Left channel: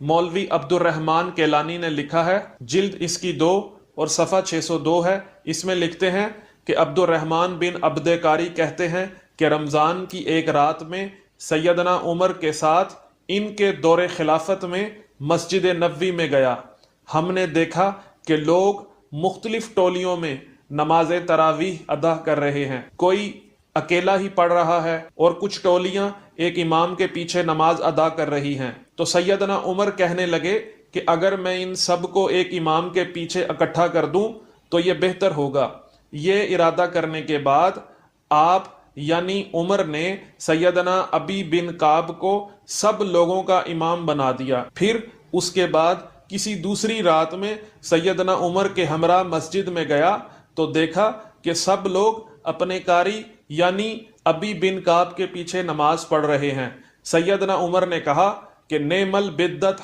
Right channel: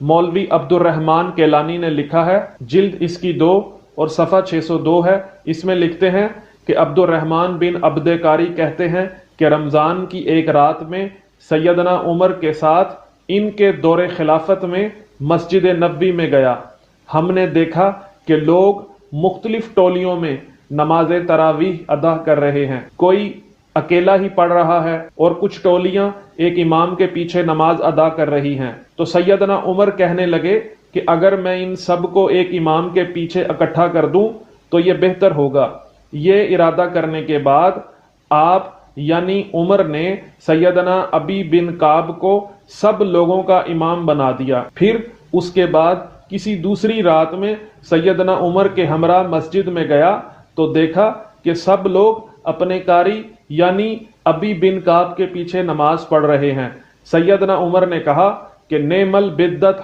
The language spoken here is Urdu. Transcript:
مولوی عبد الرحمن کیلانی نے لکھا ہے، جلد اس کی 2 اور صفحہ 602 ہے۔ اس میں لکھتے ہیں کہ عبد الرحمن بن عبد کاری کہتے ہیں کہ رمضان کی ایک رات میں سیدنا عمر کے ساتھ ان کے دور خلافت میں مسجد نبوی میں گیا۔ ہم نے دیکھا کہ لوگ مختلف ٹولیوں میں نماز تراویح ادا کر رہے ہیں، کوئی اکیلا ہی پڑھ رہا ہے اور کچھ ٹولیاں ایک امام کے پیچھے نماز ادا کر رہی ہیں۔ تو سیدنا عمر کہنے لگے کہ اگر میں ان سب کو ایک امام کے پیچھے اکٹھا کر دوں تو یہ بہتر ہوگا۔ یہ ارادہ کرنے کے بعد آپ یعنی عمر نے سیدنا ابی بن کعب کو سب لوگوں کا امام بنا دیا۔ پھر اس کے بعد کسی دوسری رات میں سیدنا عمر کے ہمراہ مسجد میں گیا تو دیکھا کہ سب لوگ اپنے قاری یعنی ابی بن کعب کے پیچھے نماز پڑھ رہے ہیں۔ سیدنا عمر نے کہا کہ نعم البدت